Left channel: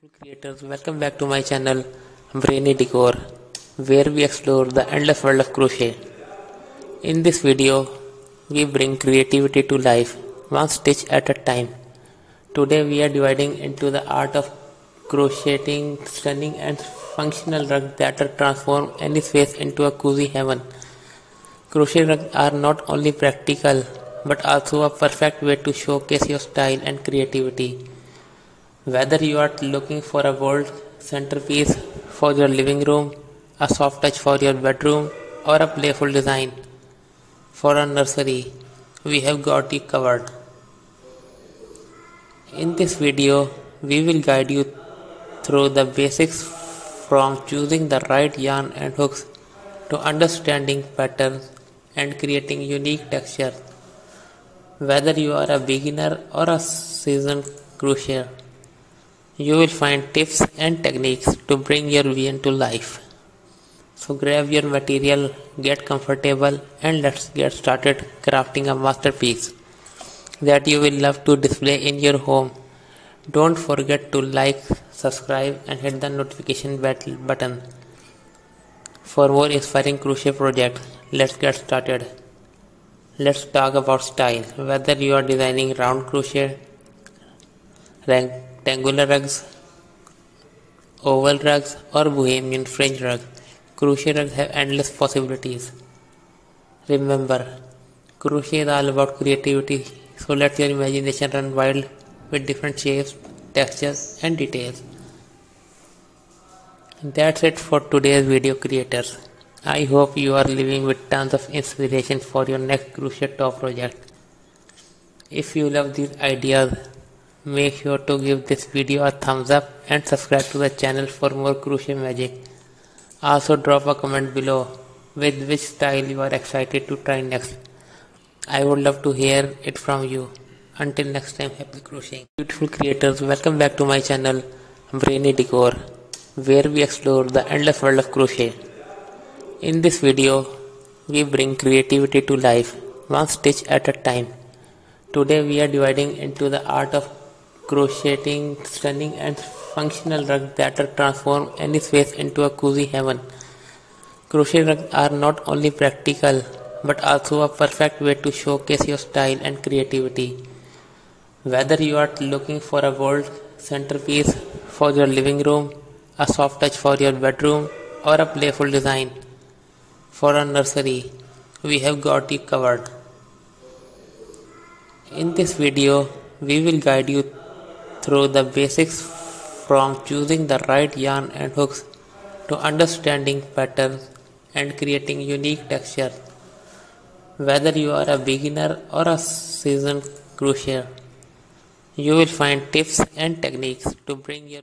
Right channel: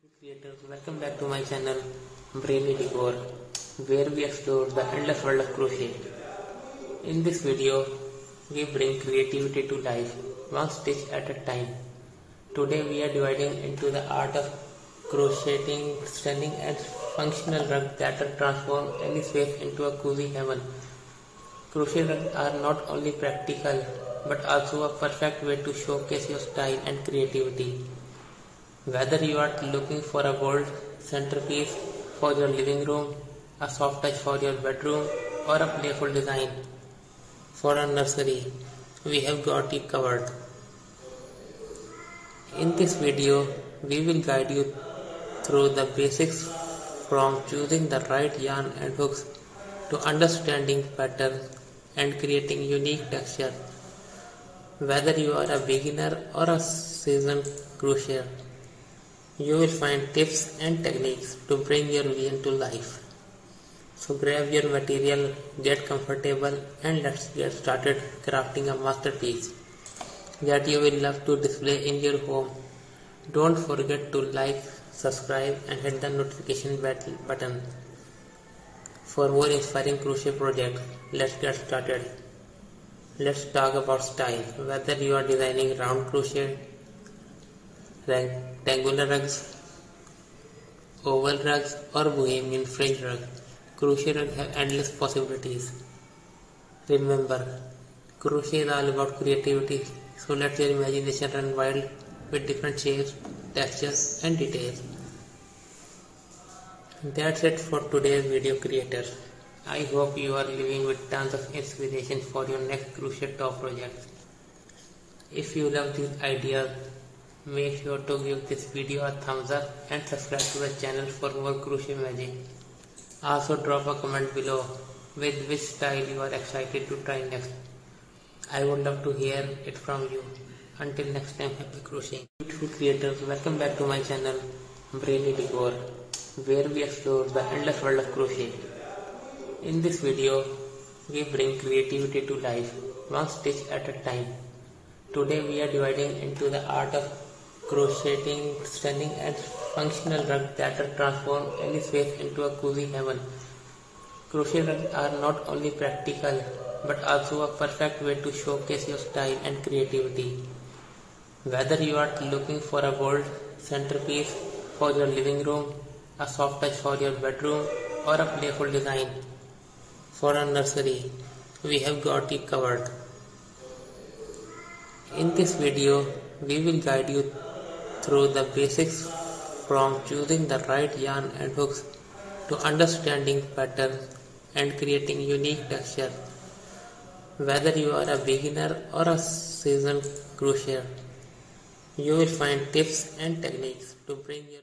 Beautiful creators, welcome back to my channel Brainy Decor, where we explore the endless world of crochet. In this video, we bring creativity to life, one stitch at a time. Today we are dividing into the art of crocheting stunning and functional rugs that transform any space into a cozy heaven. Crochet rugs are not only practical but also a perfect way to showcase your style and creativity. Whether you are looking for a gold centerpiece for your living room, a soft touch for your bedroom, or a playful design for a nursery, we have got you covered. In this video, we will guide you through the basics from choosing the right yarn and hooks to understanding patterns and creating unique texture. Whether you are a beginner or a seasoned crocheter, you will find tips and techniques to bring your vision to life. So grab your material, get comfortable, and let's get started crafting a masterpiece that you will love to display in your home. Don't forget to like, subscribe, and hit the notification button for more inspiring crochet projects. Let's get started. Let's talk about style. Whether you are designing round crochet, rectangular rugs, oval rugs, or bohemian fringe rugs, crochet rugs have endless possibilities. Remember, crochet is all about creativity, so let your imagination run wild with different shapes, textures, and details. That's it for today's video, creators. I hope you are living with tons of inspiration for your next crochet top project. If you love these ideas, make sure to give this video a thumbs up and subscribe to the channel for more crochet magic. Also drop a comment below with which style you are excited to try next. I would love to hear it from you. Until next time, happy crocheting. Beautiful creators, welcome back to my channel Brainy Decor, where we explore the endless world of crochet. In this video, we bring creativity to life, one stitch at a time. Today we are dividing into the art of crocheting stunning and functional rugs that transform any space into a cozy heaven. Crochet rugs are not only practical but also a perfect way to showcase your style and creativity. Whether you are looking for a gold centerpiece for your living room, a soft touch for your bedroom, or a playful design for a nursery, we have got you covered. In this video, we will guide you through the basics from choosing the right yarn and hooks to understanding patterns and creating unique texture. Whether you are a beginner or a seasoned crocheter, you will find tips and techniques to bring your